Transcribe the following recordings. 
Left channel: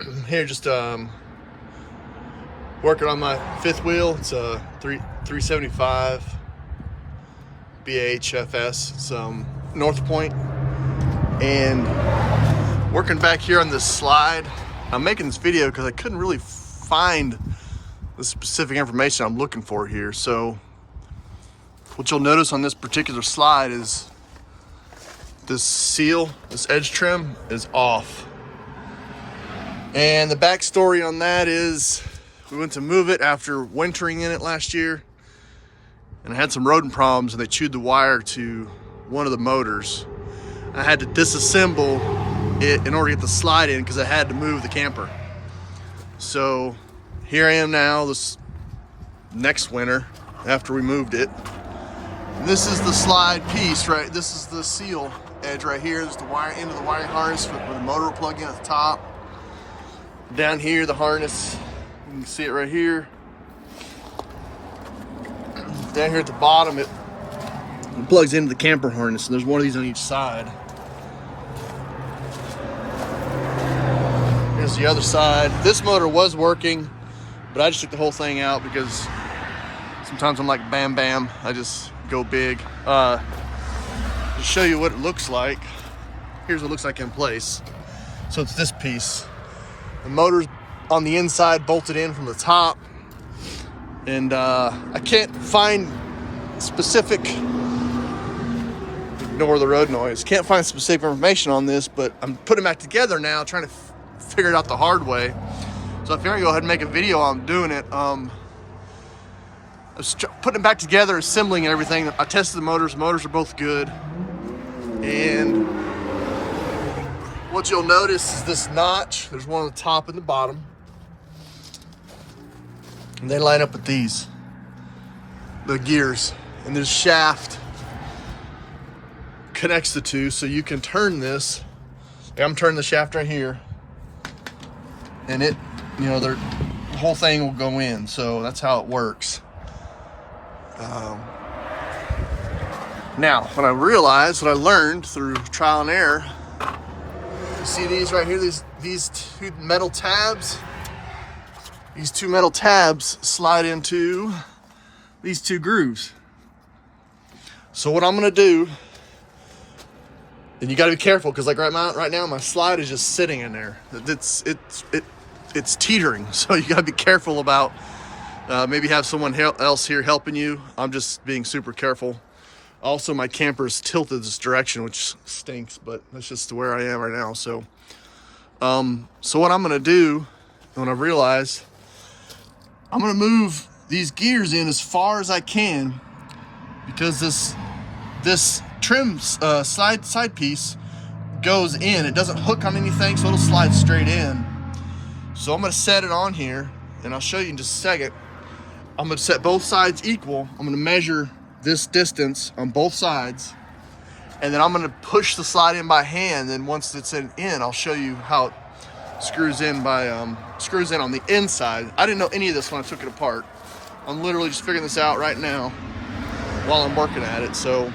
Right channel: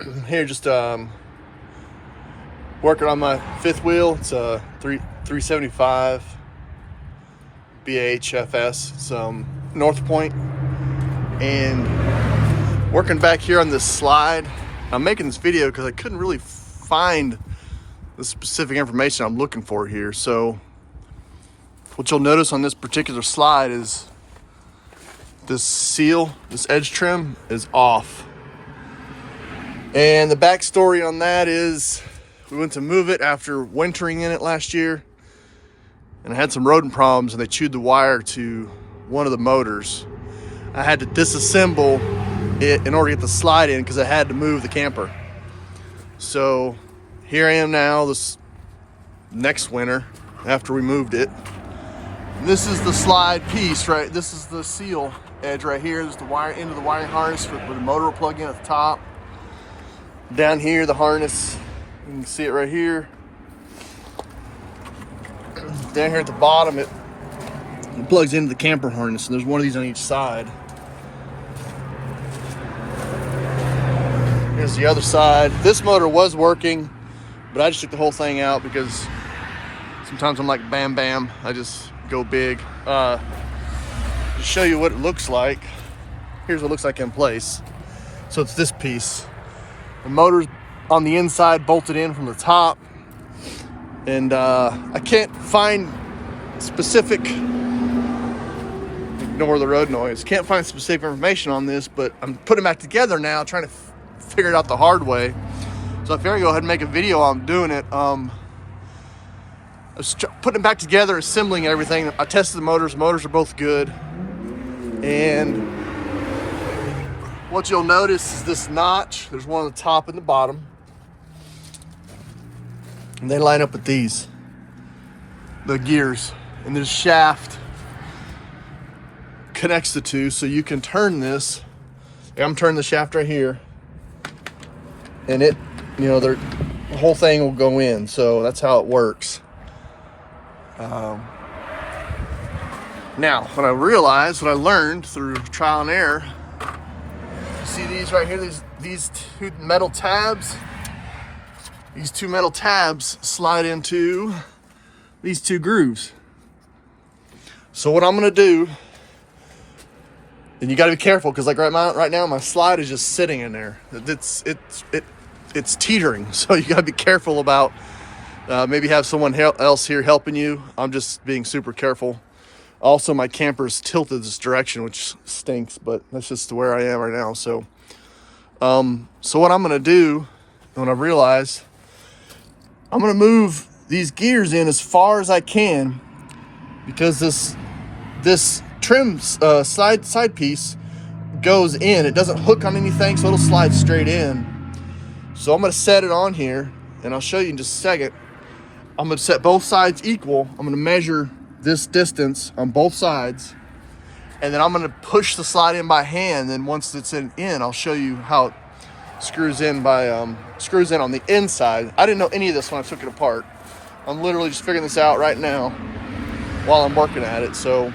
Here, just working on my fifth wheel. It's a 375 BHFS. It's North Point, and working back here on this slide. I'm making this video because I couldn't really find the specific information I'm looking for here. So what you'll notice on this particular slide is this seal, this edge trim is off. And the backstory on that is we went to move it after wintering in it last year, and I had some rodent problems and they chewed the wire to one of the motors. I had to disassemble it in order to get the slide in because I had to move the camper. So here I am now this next winter after we moved it. This is the slide piece, right? This is the seal edge right here. This is the wire into the wiring harness where the motor will plug in at the top. Down here, the harness, you can see it right here. Down here at the bottom, it plugs into the camper harness, and there's one of these on each side. Here's the other side. This motor was working, but I just took the whole thing out because sometimes I'm like bam bam, I just go big. To show you what it looks like, here's what it looks like in place. So it's this piece. The motor's on the inside, bolted in from the top. And I can't find specific, ignore the road noise, can't find specific information on this, but I'm putting it back together now, trying to figure it out the hard way. So I figured I'd go ahead and make a video on doing it. I was putting it back together, assembling everything. I tested the motors are both good. And what you'll notice is this notch. There's one on the top and the bottom. And they line up with these, the gears. And this shaft connects the two, so you can turn this. I'm turning the shaft right here. And it, the whole thing will go in. So that's how it works. Now, when I realized, what I learned through trial and error, see these right here, these two metal tabs? These two metal tabs slide into these two grooves. So what I'm gonna do, and you gotta be careful, because like right now my slide is just sitting in there. It's teetering, so you gotta be careful about maybe have someone else here helping you. I'm just being super careful. Also, my camper is tilted this direction, which stinks, but that's just where I am right now. So what I'm gonna do, when I realize, I'm gonna move these gears in as far as I can, because this trim side piece goes in. It doesn't hook on anything, so it'll slide straight in. So I'm gonna set it on here, and I'll show you in just a second. I'm gonna set both sides equal. I'm gonna measure this distance on both sides, and then I'm gonna push the slide in by hand. Then once it's in, I'll show you how it screws in on the inside. I didn't know any of this when I took it apart. I'm literally just figuring this out right now while I'm working at it. So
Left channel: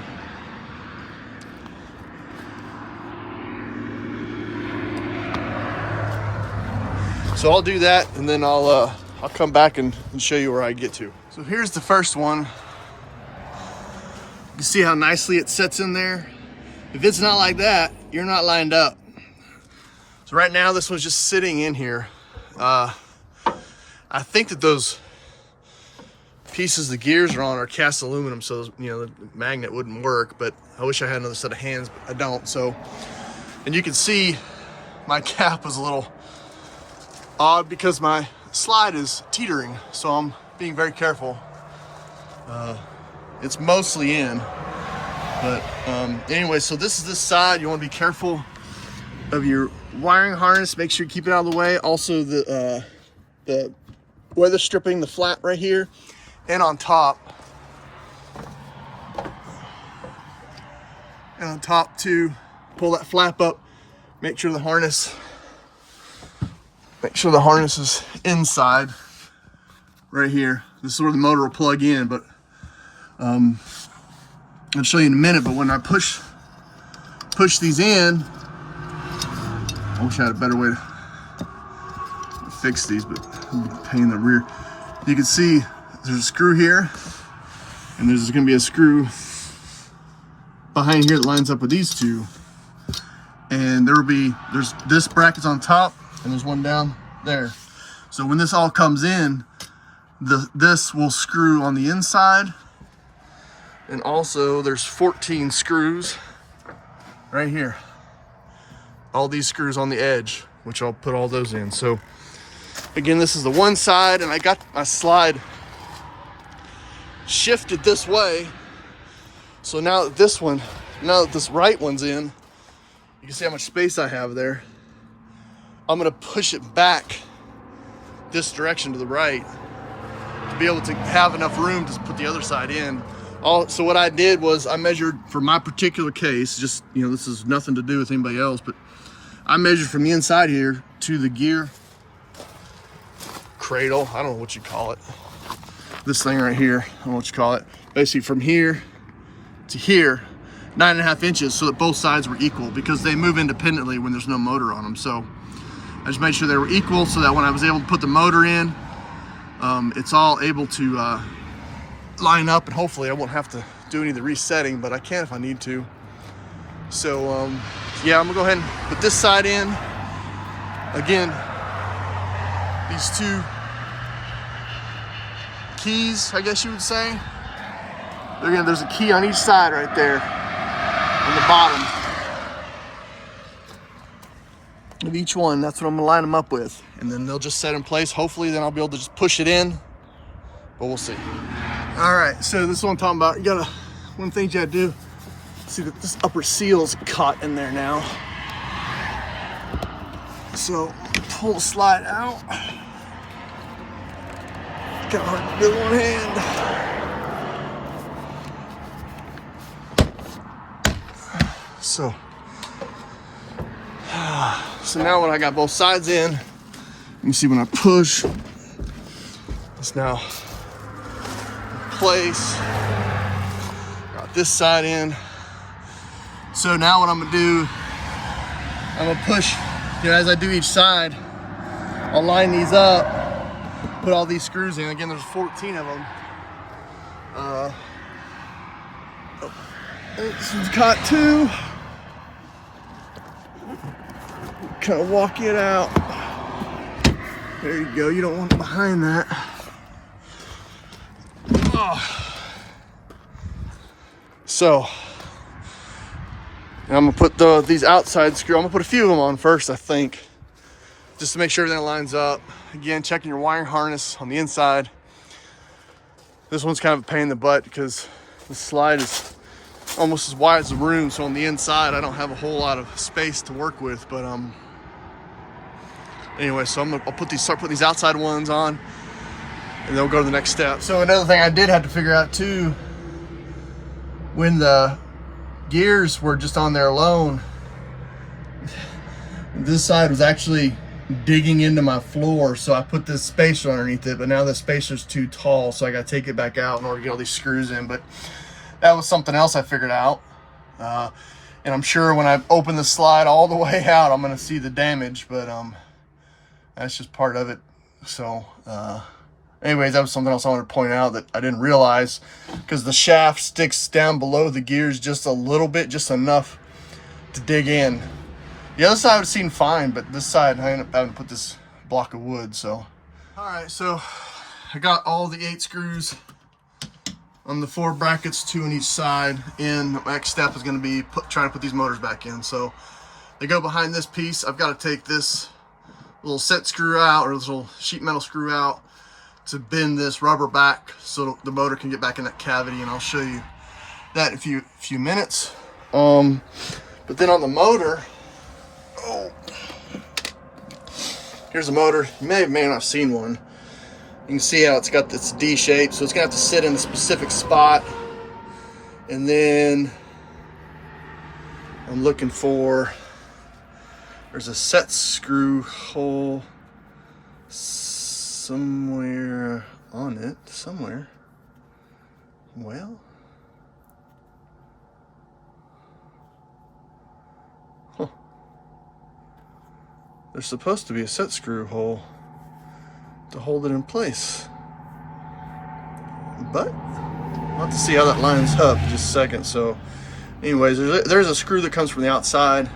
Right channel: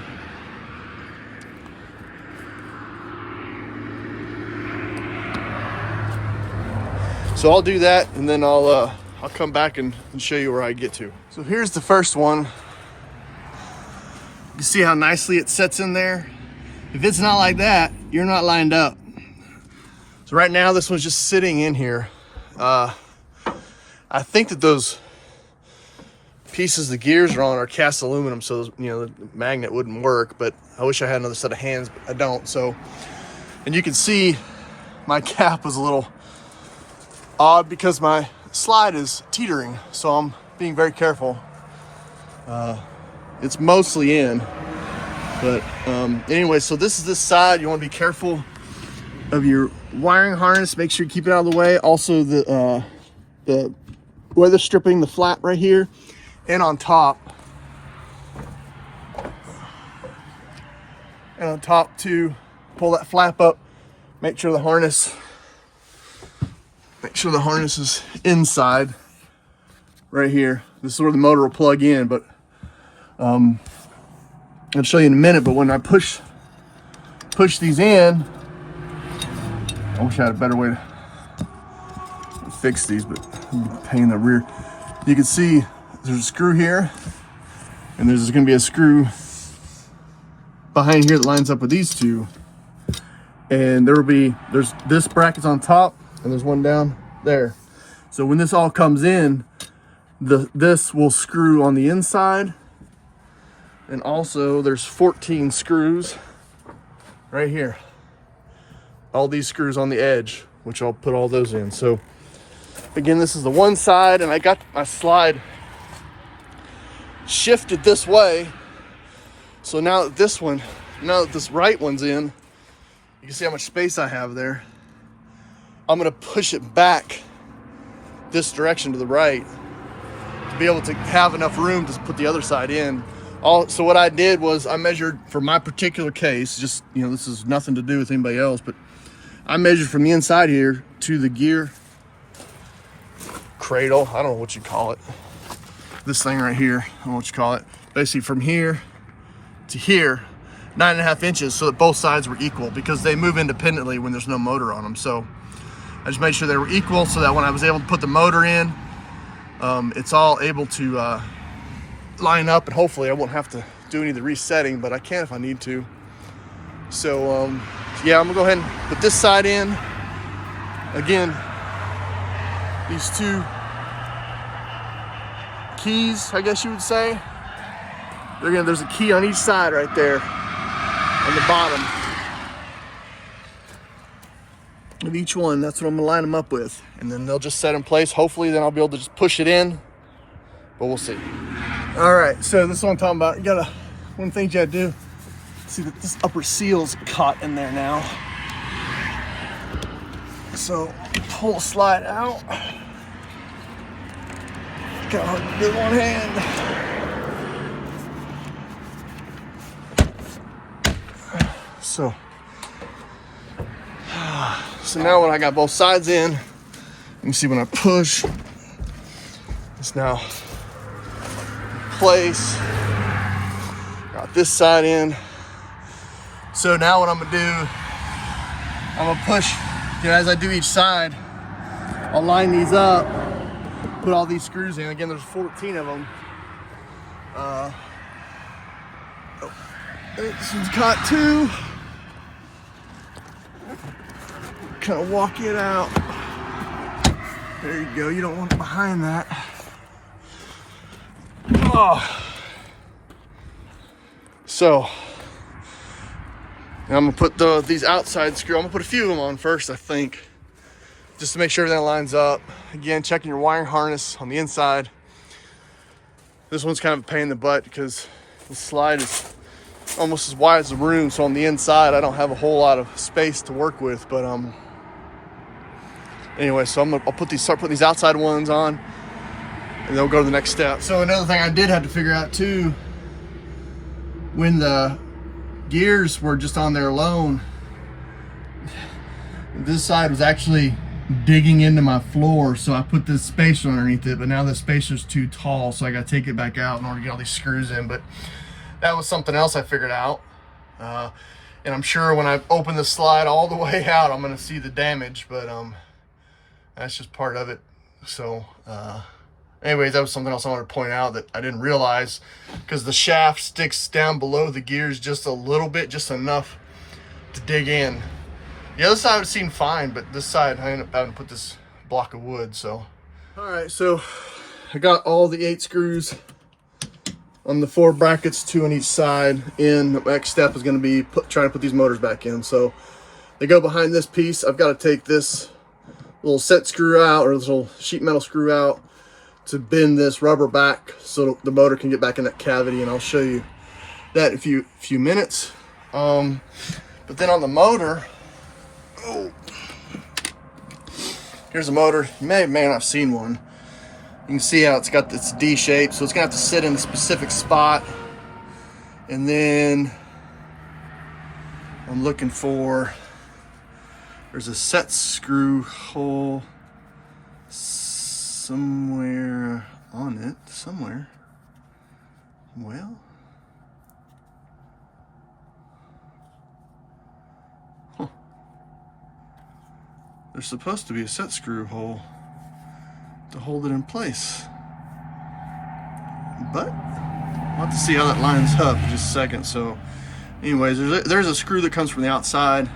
I'll do that, and then I'll come back and show you where I get to. So here's the first one. You see how nicely it sets in there? If it's not like that, you're not lined up. So right now, this one's just sitting in here. I think that those pieces the gears are on are cast aluminum, so the magnet wouldn't work, but I wish I had another set of hands, but I don't. So, and you can see my cap is a little odd because my slide is teetering, so I'm being very careful. It's mostly in, but anyway, so this is this side. You want to be careful of your wiring harness. Make sure you keep it out of the way. Also the weather stripping, the flap right here, and on top, too. Pull that flap up. Make sure the harness is inside right here. This is where the motor will plug in, but I'll show you in a minute. But when I push these in, I wish I had a better way to fix these, but pain in the rear. You can see there's a screw here, and there's gonna be a screw behind here that lines up with these two. And there's this bracket's on top, and there's one down there. So when this all comes in, this will screw on the inside. And also there's 14 screws right here. All these screws on the edge, which I'll put all those in. So again, this is the one side, and I got my slide shifted this way. So now that this right one's in, you can see how much space I have there. I'm gonna push it back this direction to the right to be able to have enough room to put the other side in. So what I did was I measured for my particular case, just, this is nothing to do with anybody else, but I measured from the inside here to the gear cradle. I don't know what you call it. This thing right here, I don't know what you call it. Basically from here to here, 9.5 inches, so that both sides were equal, because they move independently when there's no motor on them. So I just made sure they were equal, so that when I was able to put the motor in, it's all able to line up, and hopefully I won't have to do any of the resetting, but I can if I need to. So yeah, I'm gonna go ahead and put this side in. Again, these two keys, I guess you would say. Again, there's a key on each side right there on the bottom of each one. That's what I'm gonna line them up with, and then they'll just set in place. Hopefully then I'll be able to just push it in, but we'll see. All right, so this is what I'm talking about. One thing you gotta do, see that this upper seal is caught in there now. So pull the slide out. Kind of hard to do with one hand. So now when I got both sides in, you can see when I push, it's now in place. Got this side in. So now what I'm gonna do, I'm gonna push, as I do each side, I'll line these up, put all these screws in. Again, there's 14 of them. This one's caught too. Kind of walk it out. There you go. You don't want it behind that. Oh. So I'm gonna put these outside screws. I'm gonna put a few of them on first, I think, just to make sure everything lines up. Again, checking your wiring harness on the inside. This one's kind of a pain in the butt because the slide is almost as wide as the room. So on the inside, I don't have a whole lot of space to work with. But anyway, so I'll start putting these outside ones on, and they'll go to the next step. So another thing I did have to figure out too, when the gears were just on there alone, this side was actually digging into my floor, so I put this spacer underneath it, but now the spacer's too tall, so I gotta take it back out in order to get all these screws in. But that was something else I figured out, and I'm sure when I open the slide all the way out, I'm gonna see the damage, but that's just part of it. So anyways, that was something else I wanted to point out that I didn't realize, because the shaft sticks down below the gears just a little bit, just enough to dig in. The other side would seem fine, but this side I ended up having to put this block of wood. So all right, so I got all the 8 screws on the 4 brackets, 2 on each side in. The next step is going to be trying to put these motors back in. So they go behind this piece. I've got to take this little set screw out, or this little sheet metal screw out, to bend this rubber back so the motor can get back in that cavity, and I'll show you that in a few minutes. But then on the motor, here's the motor. You may not have seen one. You can see how it's got this D shape, so it's gonna have to sit in a specific spot. And then I'm looking for, there's a set screw hole somewhere on it, somewhere. Well, there's supposed to be a set screw hole. to hold it in place. But we'll have to see how that lines up in just a second. So anyways, there's a screw that comes from the outside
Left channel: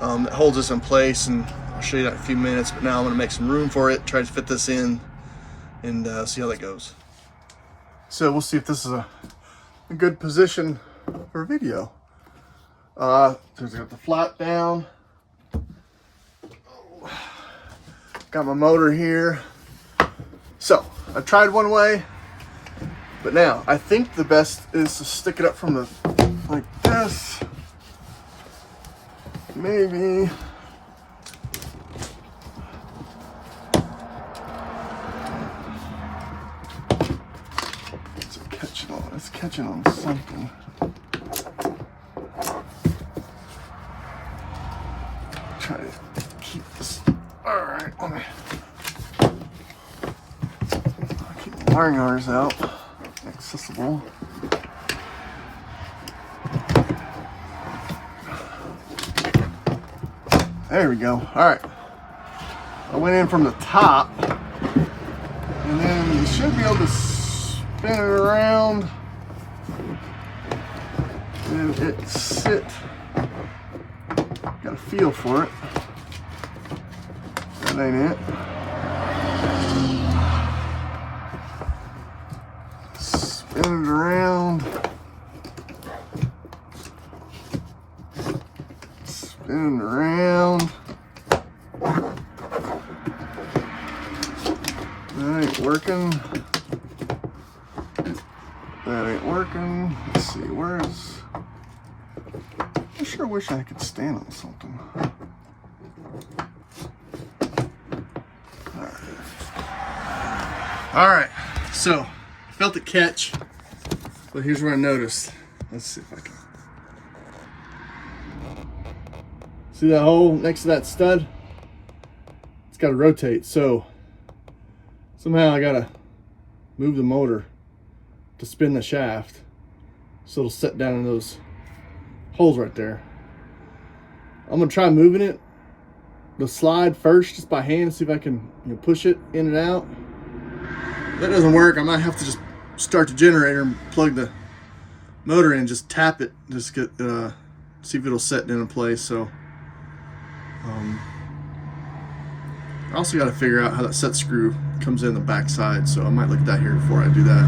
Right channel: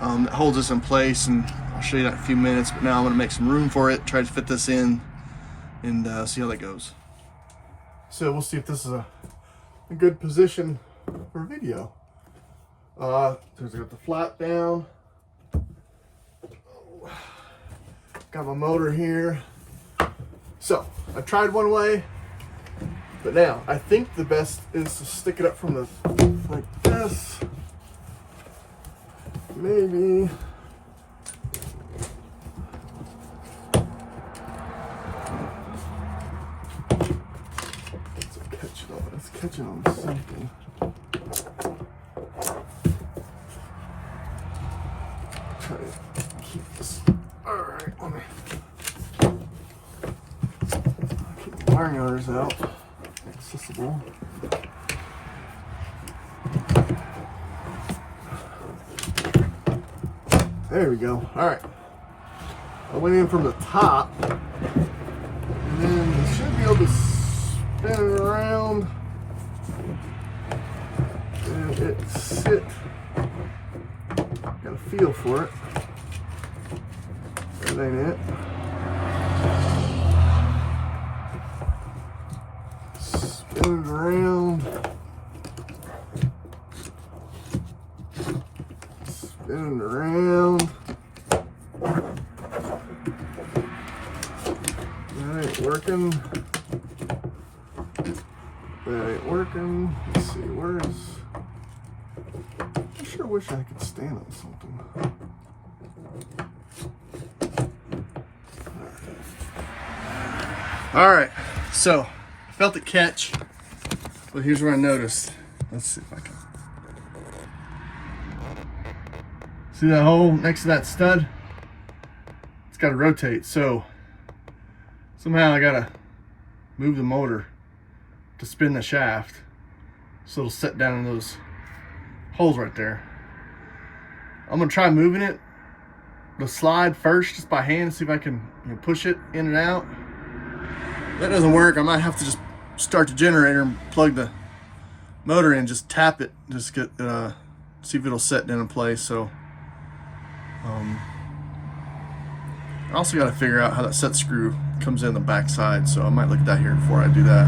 that holds this in place, and I'll show you that in a few minutes. But now I'm going to make some room for it, try to fit this in, and see how that goes. So we'll see if this is a good position for video. So I've got the flat down. Got my motor here. So I've tried one way, but now I think the best is to stick it up from the, like this. Maybe. It's catching on something. Try to keep this. All right, let me keep the wiring harness out, accessible. There we go. All right. I went in from the top, and then you should be able to spin it around, and it sit. Got a feel for it. That ain't it. Spin it around. Spin it around. That ain't working. That ain't working. Let's see, where's... I sure wish I could stand on something. All right, so I felt it catch, but here's what I noticed. Let's see if I can. See that hole next to that stud? It's got to rotate, so somehow I gotta move the motor to spin the shaft so it'll set down in those holes right there. I'm gonna try moving it, the slide first, just by hand, see if I can, you know, push it in and out. If that doesn't work, I might have to just start the generator and plug the motor in, just tap it, just get see if it'll set down in place. So I also got to figure out how that set screw comes in the back side, so I might look at that here before I do that.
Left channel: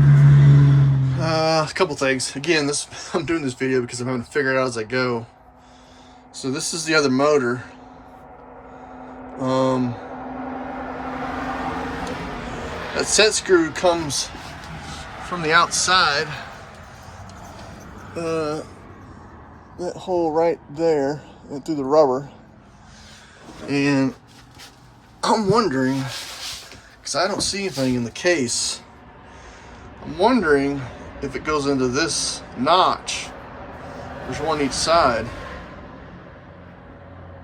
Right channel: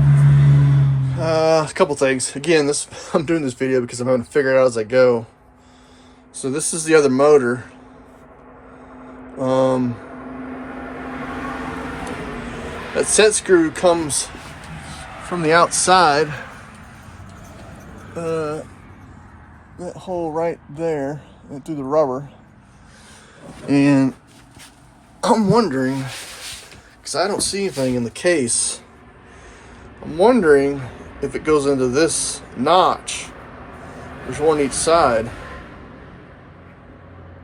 A couple things. Again, I'm doing this video because I'm having to figure it out as I go. So this is the other motor. That set screw comes from the outside. That hole right there, through the rubber. And I'm wondering, because I don't see anything in the case, I'm wondering if it goes into this notch. There's one each side.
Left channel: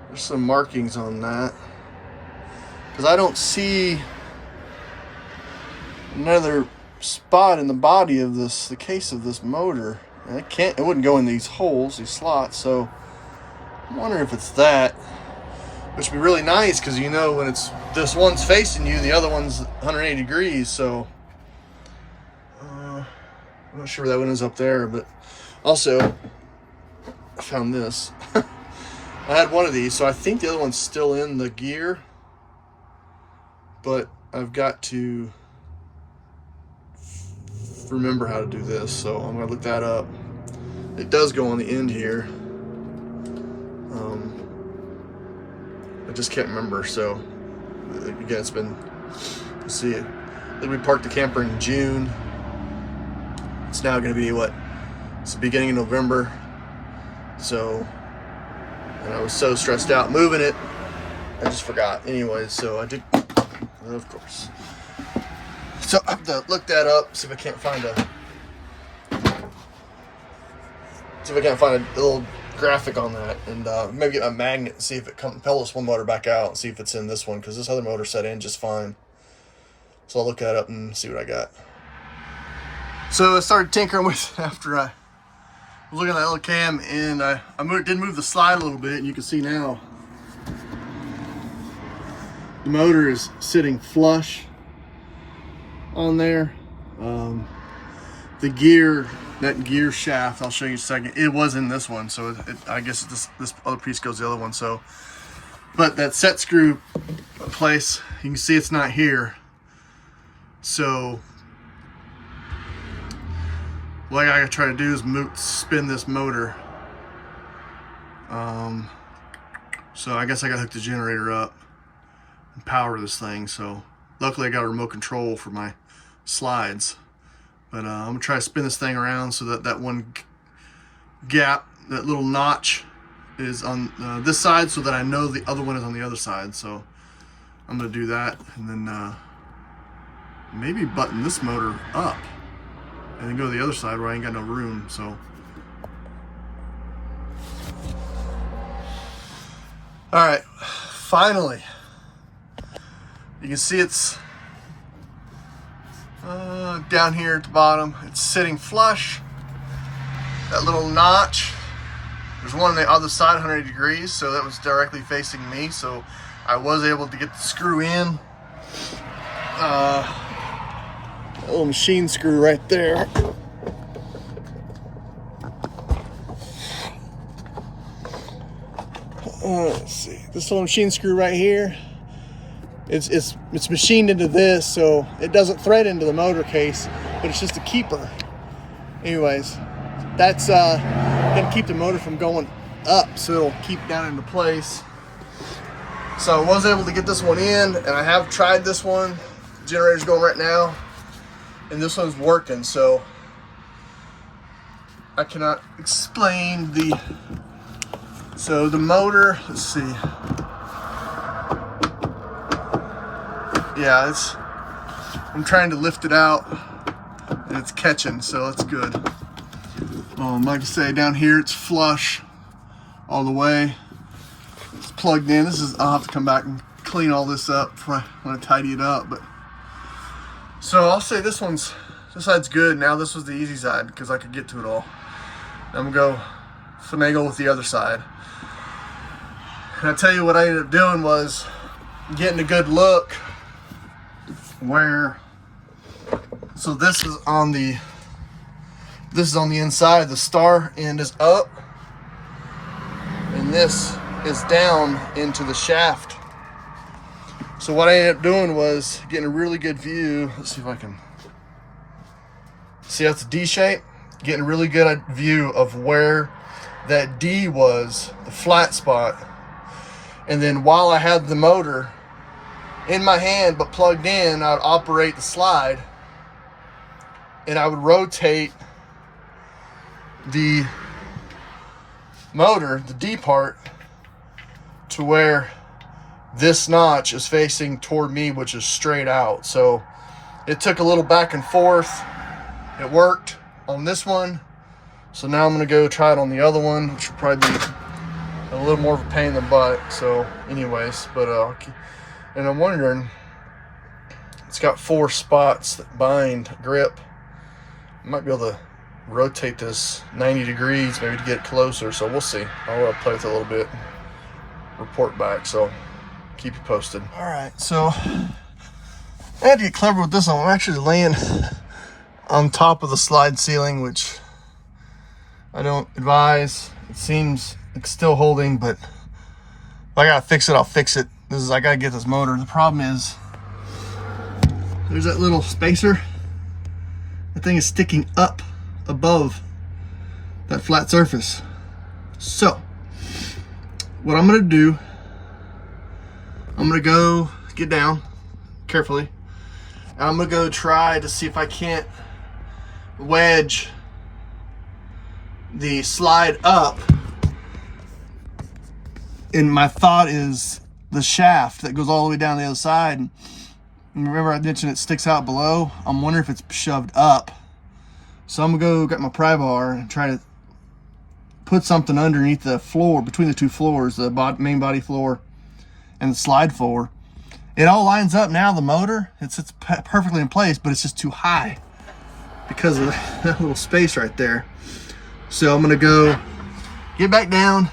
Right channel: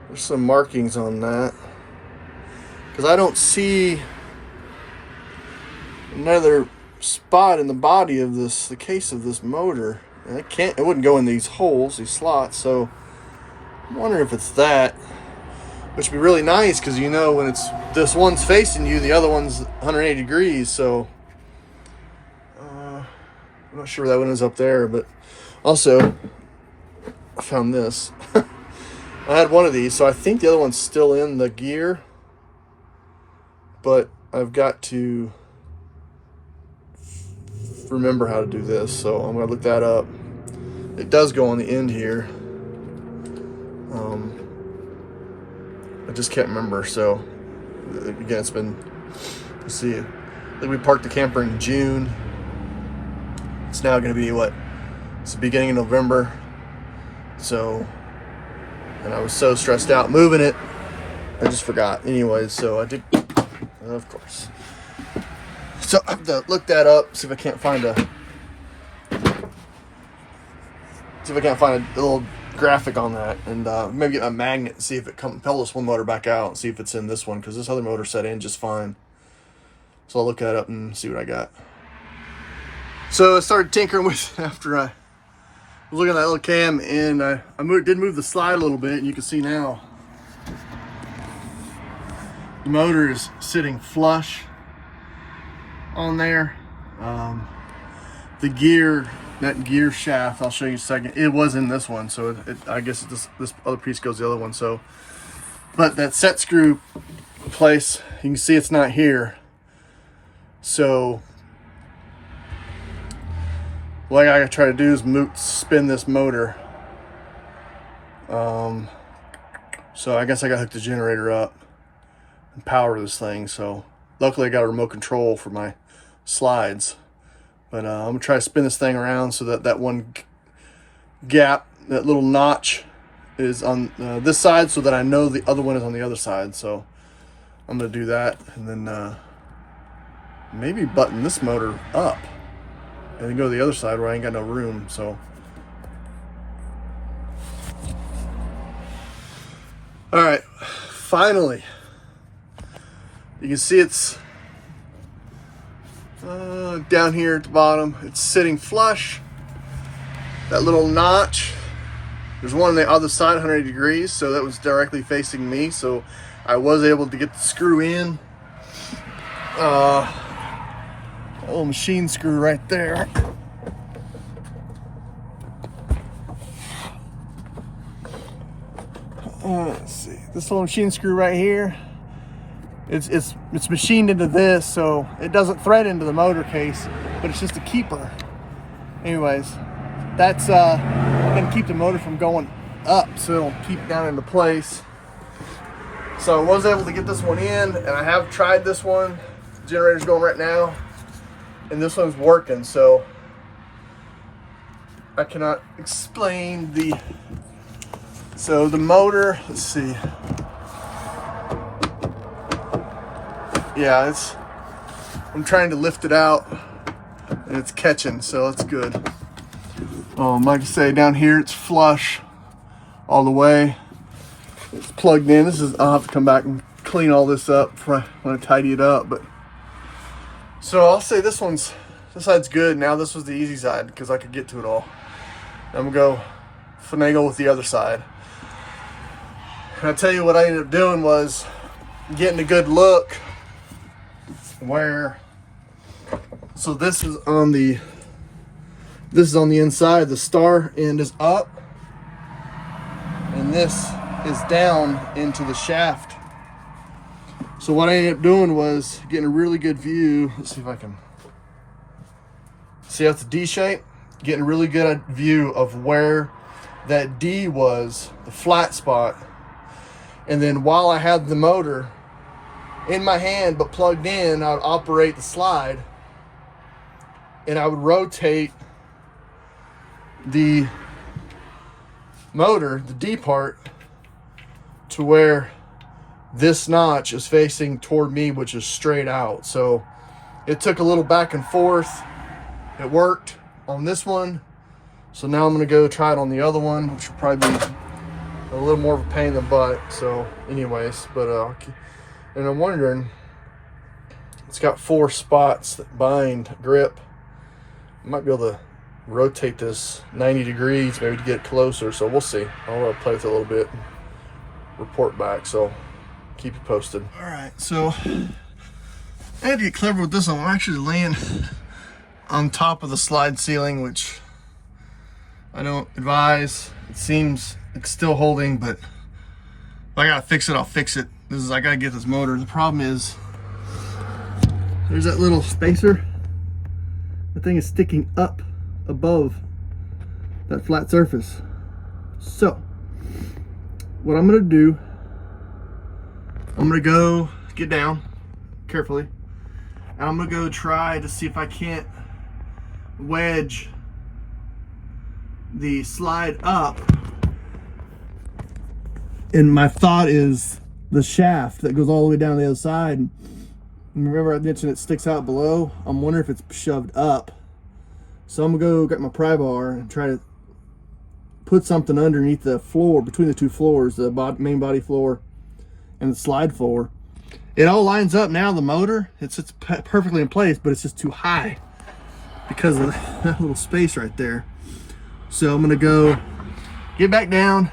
There's some markings on that. Because I don't see another spot in the body of this, the case of this motor. And it wouldn't go in these holes, these slots, so I'm wondering if it's that. Which would be really nice, because you know when it's this one's facing you, the other one's 180 degrees. So I'm not sure where that one is up there, but also I found this. I had one of these, so I think the other one's still in the gear, but I've got to remember how to do this, so I'm gonna look that up. It does go on the end here. I just can't remember. So again, it's been, let's see, I think we parked the camper in June. It's now going to be what? It's the beginning of November. So, and I was so stressed out moving it, I just forgot. Anyways, so I did, of course. So I have to look that up, see if I can't find a little graphic on that, and maybe get a magnet and see if it pull this one motor back out and see if it's in this one, because this other motor set in just fine. So I'll look that up and see what I got. So I started tinkering with, after I was looking at that little cam, and I did move the slide a little bit, and you can see now the motor is sitting flush on there. The gear, that gear shaft, I'll show you in a second. It was in this one, so I guess this other piece goes the other one. So, but that set screw place, you can see it's not here. So what I gotta try to do is spin this motor. So I guess I gotta hook the generator up and power this thing. So luckily I got a remote control for my slides. But I'm gonna try to spin this thing around so that that one gap, that little notch, is on this side, so that I know the other one is on the other side. So I'm gonna do that, and then maybe button this motor up and then go to the other side where I ain't got no room. So all right, finally, you can see it's down here at the bottom. It's sitting flush. That little notch, there's one on the other side 180 degrees, so that was directly facing me, so I was able to get the screw in. A little machine screw right there. Let's see, this little machine screw right here, it's machined into this, so it doesn't thread into the motor case, but it's just a keeper. Anyways, that's gonna keep the motor from going up, so it'll keep down into place. So I was able to get this one in, and I have tried this one. The generator's going right now, and this one's working, so I cannot explain the motor. Let's see. Yeah, I'm trying to lift it out, and it's catching, so that's good. Like I say, down here it's flush all the way. It's plugged in. I'll have to come back and clean all this up when I tidy it up. But so I'll say this side's good. Now this was the easy side because I could get to it all. I'm gonna go finagle with the other side. And I tell you what I ended up doing was getting a good look where, so this is on the inside. The star end is up, and this is down into the shaft. So what I ended up doing was getting a really good view. Let's see if I can see how it's a D shape. Getting a really good view of where that D was, the flat spot. And then while I had the motor in my hand but plugged in, I would operate the slide, and I would rotate the motor, the D part, to where this notch is facing toward me, which is straight out. So it took a little back and forth. It worked on this one. So now I'm gonna go try it on the other one, which will probably be a little more of a pain in the butt. So anyways, but and I'm wondering, it's got 4 spots that bind grip. I might be able to rotate this 90 degrees maybe to get it closer, so we'll see. I'll play with it a little bit, report back, so keep you posted. All right, so I had to get clever with this one. I'm actually laying on top of the slide ceiling, which I don't advise. It seems it's still holding, but if I gotta fix it, I'll fix it. I gotta get this motor. The problem is there's that little spacer. The thing is sticking up above that flat surface. So what I'm gonna do, I'm gonna go get down carefully. I'm gonna go try to see if I can't wedge the slide up. And my thought is the shaft that goes all the way down the other side. And remember I mentioned it sticks out below. I'm wondering if it's shoved up. So I'm gonna go get my pry bar and try to put something underneath the floor, between the two floors, the main body floor and the slide floor. It all lines up now, the motor. It's perfectly in place, but it's just too high because of that little space right there. So I'm gonna go get back down,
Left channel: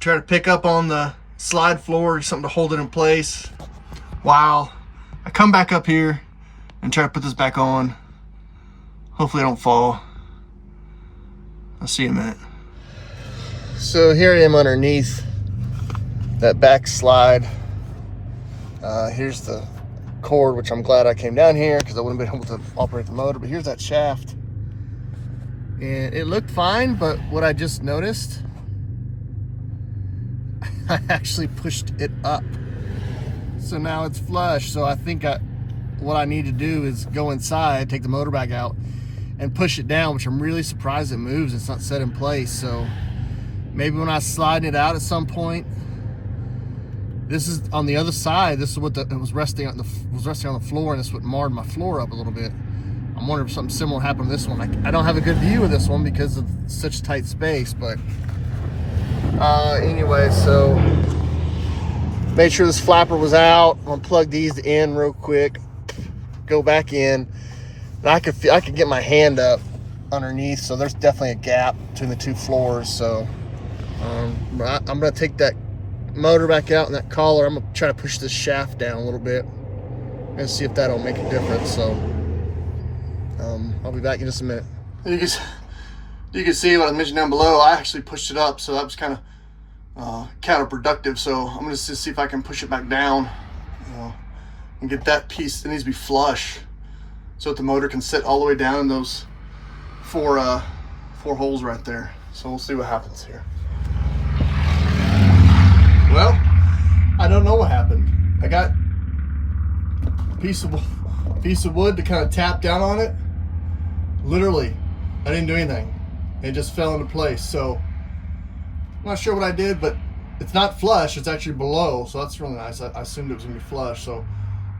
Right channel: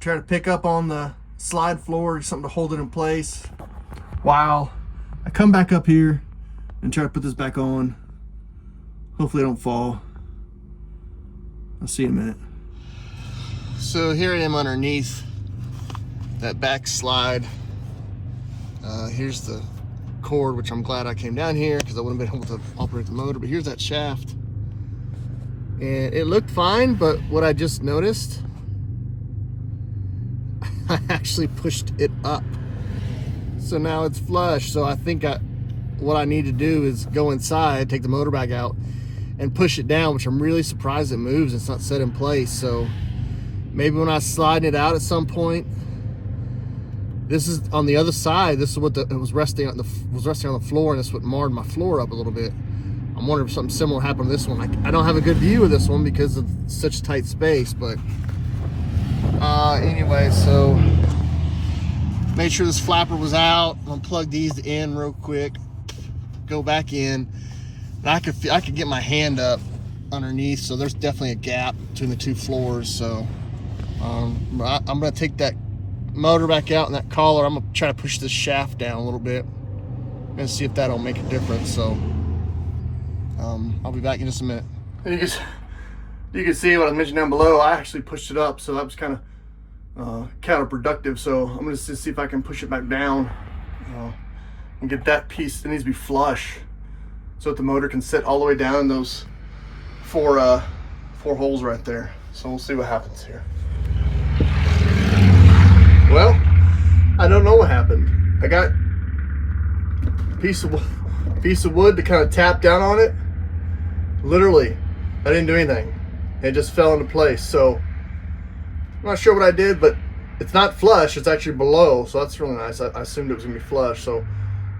try to pick up on the slide floor, something to hold it in place, while I come back up here and try to put this back on. Hopefully I don't fall. I'll see you in a minute. So here I am underneath that back slide. Here's the cord, which I'm glad I came down here because I wouldn't have been able to operate the motor, but here's that shaft. And it looked fine, but what I just noticed, I actually pushed it up. So now it's flush. So I think what I need to do is go inside, take the motor back out, and push it down, which I'm really surprised it moves. It's not set in place. So maybe when I slide it out at some point, this is on the other side. This is what it was resting on the floor, and this is what marred my floor up a little bit. I'm wondering if something similar happened to this one. I don't have a good view of this one because of such tight space, but anyway, so made sure this flapper was out. I'm gonna plug these in real quick, go back in, and I could get my hand up underneath, so there's definitely a gap between the two floors. So I'm gonna take that motor back out and that collar. I'm gonna try to push this shaft down a little bit and see if that'll make a difference. So I'll be back in just a minute. You can see what I mentioned down below. I actually pushed it up, so that was kind of counterproductive. So I'm gonna just see if I can push it back down and get that piece. It needs to be flush so that the motor can sit all the way down in those four holes right there. So we'll see what happens here. Well, I don't know what happened. I got a piece of wood to kind of tap down on it. Literally, I didn't do anything. It just fell into place. So I'm not sure what I did, but it's not flush. It's actually below, so that's really nice. I assumed it was gonna be flush. So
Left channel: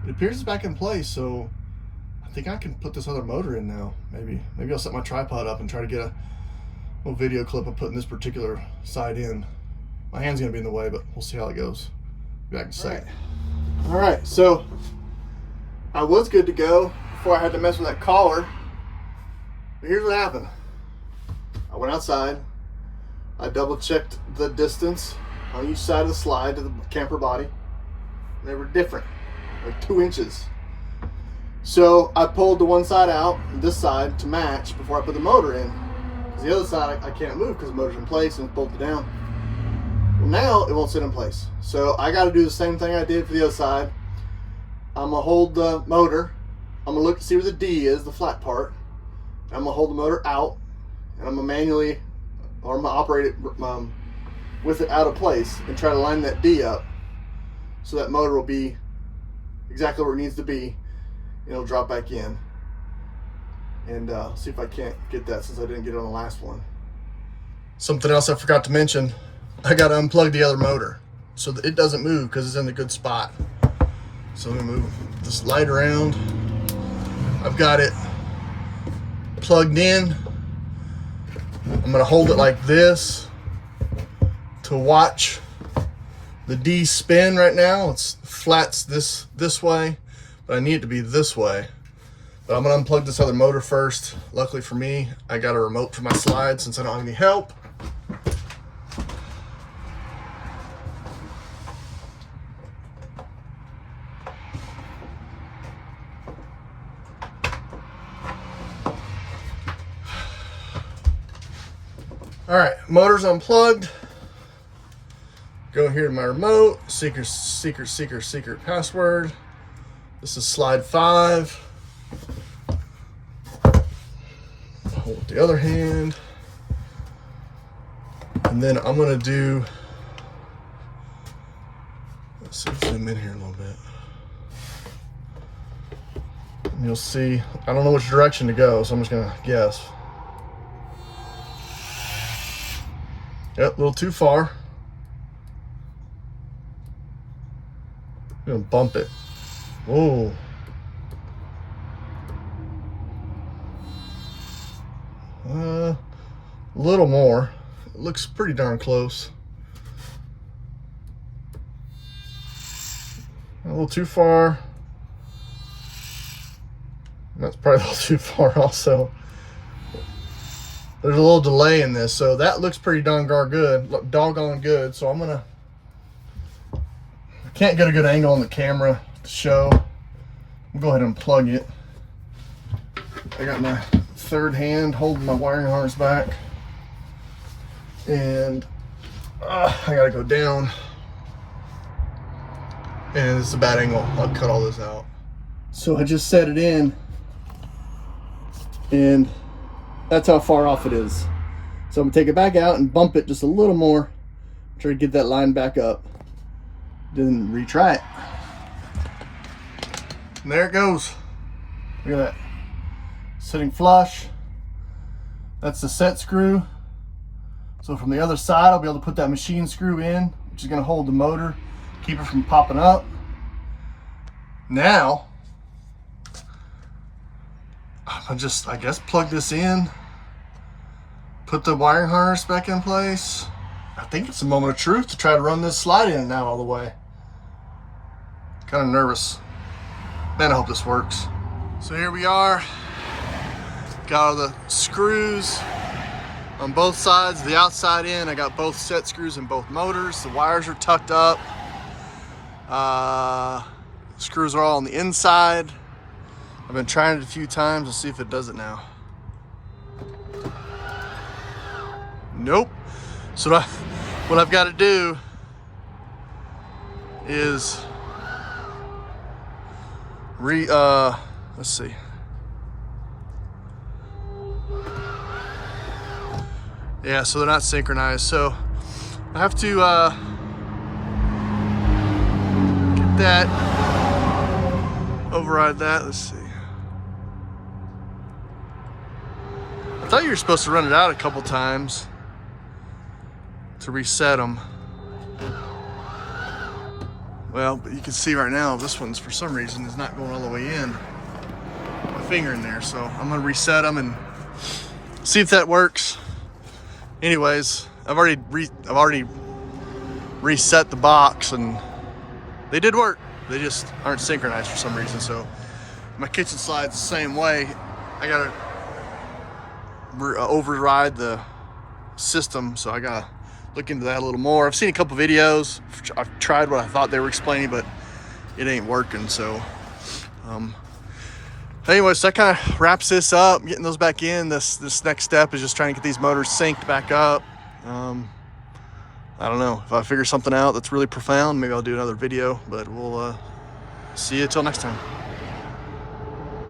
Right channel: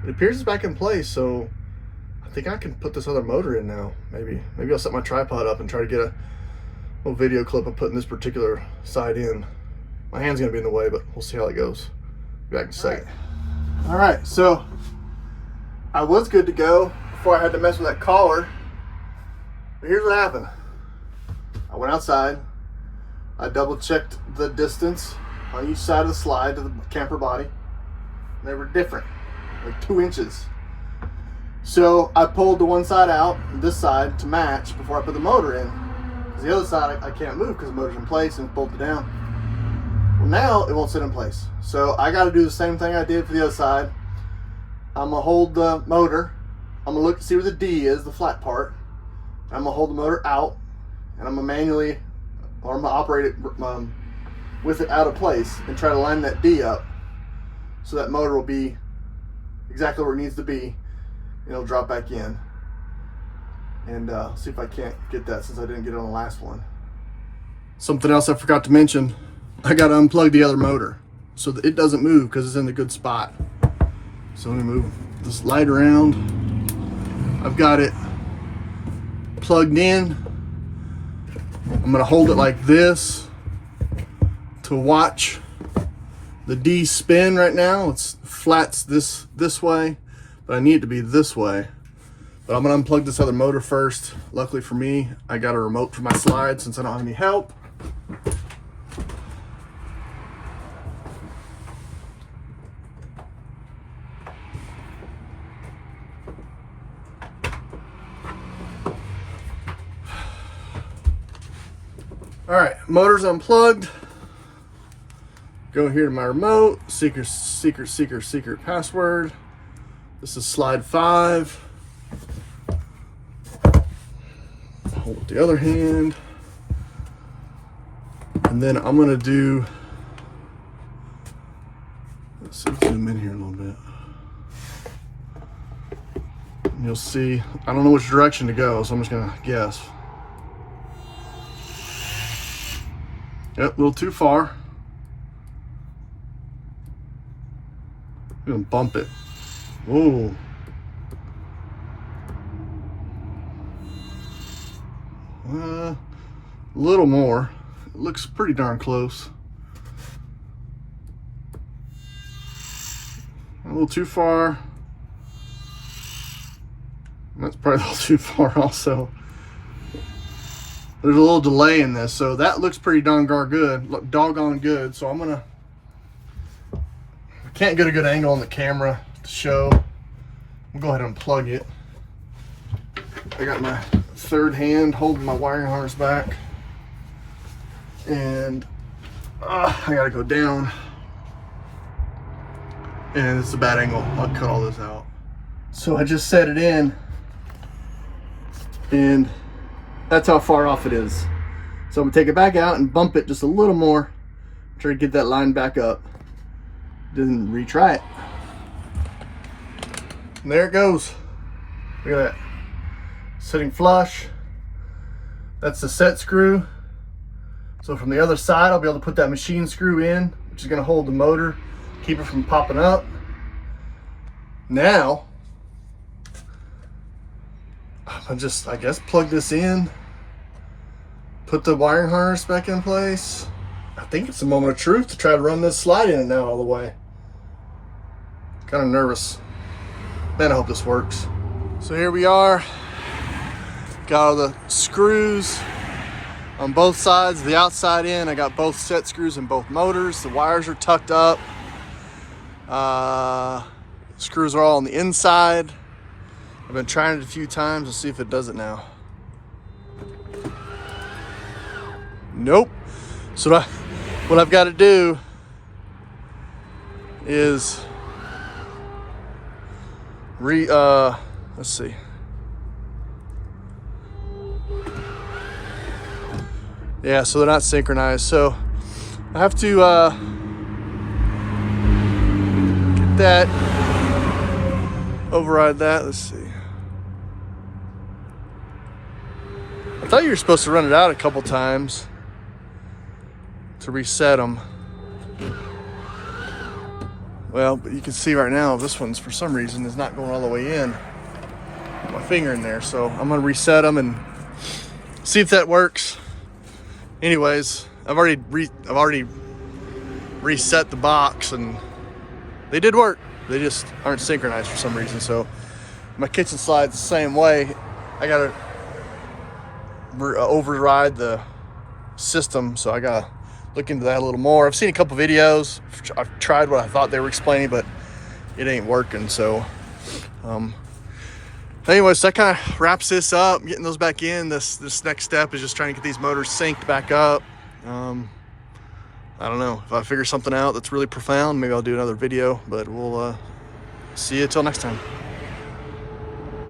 it appears it's back in place. So I think I can put this other motor in now. Maybe I'll set my tripod up and try to get a little video clip of putting this particular side in. My hand's gonna be in the way, but we'll see how it goes. Be back in a second. All right, so I was good to go before I had to mess with that collar. But here's what happened. I went outside, I double checked the distance on each side of the slide to the camper body. They were different, like 2 inches. So I pulled the one side out, this side, to match before I put the motor in. Because the other side I can't move because the motor's in place and it's bolted down. Well, now it won't sit in place. So I got to do the same thing I did for the other side. I'm gonna hold the motor. I'm gonna look to see where the D is, the flat part. I'm gonna hold the motor out, and I'm gonna manually, or I'm gonna operate it with it out of place and try to line that D up so that motor will be exactly where it needs to be. It'll drop back in, and see if I can't get that since I didn't get it on the last one. Something else I forgot to mention, I got to unplug the other motor so that it doesn't move because it's in a good spot. So I'm gonna move this light around. I've got it plugged in. I'm gonna hold it like this to watch the D spin right now. It's flats this way, but I need it to be this way. But I'm gonna unplug this other motor first. Luckily for me, I got a remote for my slide since I don't have any help. All right, motor's unplugged. Go here to my remote, secret password. This is slide 5. Hold the other hand. And then I'm gonna do, let's see, zoom in here a little bit. You'll see, I don't know which direction to go, so I'm just gonna guess. Yep, a little too far. I'm gonna bump it. Whoa. A little more. It looks pretty darn close. A little too far. That's probably a little too far also. There's a little delay in this, so that looks pretty doggone good. So I'm gonna, can't get a good angle on the camera to show. I'll go ahead and plug it. I got my third hand holding my wiring harness back, and I gotta go down, and it's a bad angle. I'll cut all this out. So I just set it in, and that's how far off it is. So I'm gonna take it back out and bump it just a little more, try to get that line back up, then retry it. And there it goes. Look at that. Sitting flush. That's the set screw. So from the other side, I'll be able to put that machine screw in, which is going to hold the motor, keep it from popping up. Now, I'll just, I guess, plug this in, put the wiring harness back in place. I think it's a moment of truth to try to run this slide in and out all the way. Kind of nervous. Man, I hope this works. So here we are. Got all the screws on both sides, the outside in. I got both set screws in both motors. The wires are tucked up. Screws are all on the inside. I've been trying it a few times. Let's see if it does it now. Nope. So what I've got to do is let's see. Yeah, so they're not synchronized. So I have to get that, override that. Let's see. I thought you were supposed to run it out a couple times to reset them. Well, but you can see right now, this one's for some reason is not going all the way in. My finger in there, so I'm gonna reset them and see if that works. Anyways, I've already reset the box and they did work. They just aren't synchronized for some reason. So my kitchen slide's the same way. I gotta override the system, so I gotta look into that a little more. I've seen a couple videos. I've tried what I thought they were explaining, but it ain't working. So anyways, that kind of wraps this up, getting those back in. This next step is just trying to get these motors synced back up. I don't know, if I figure something out that's really profound, maybe I'll do another video, but we'll see you till next time.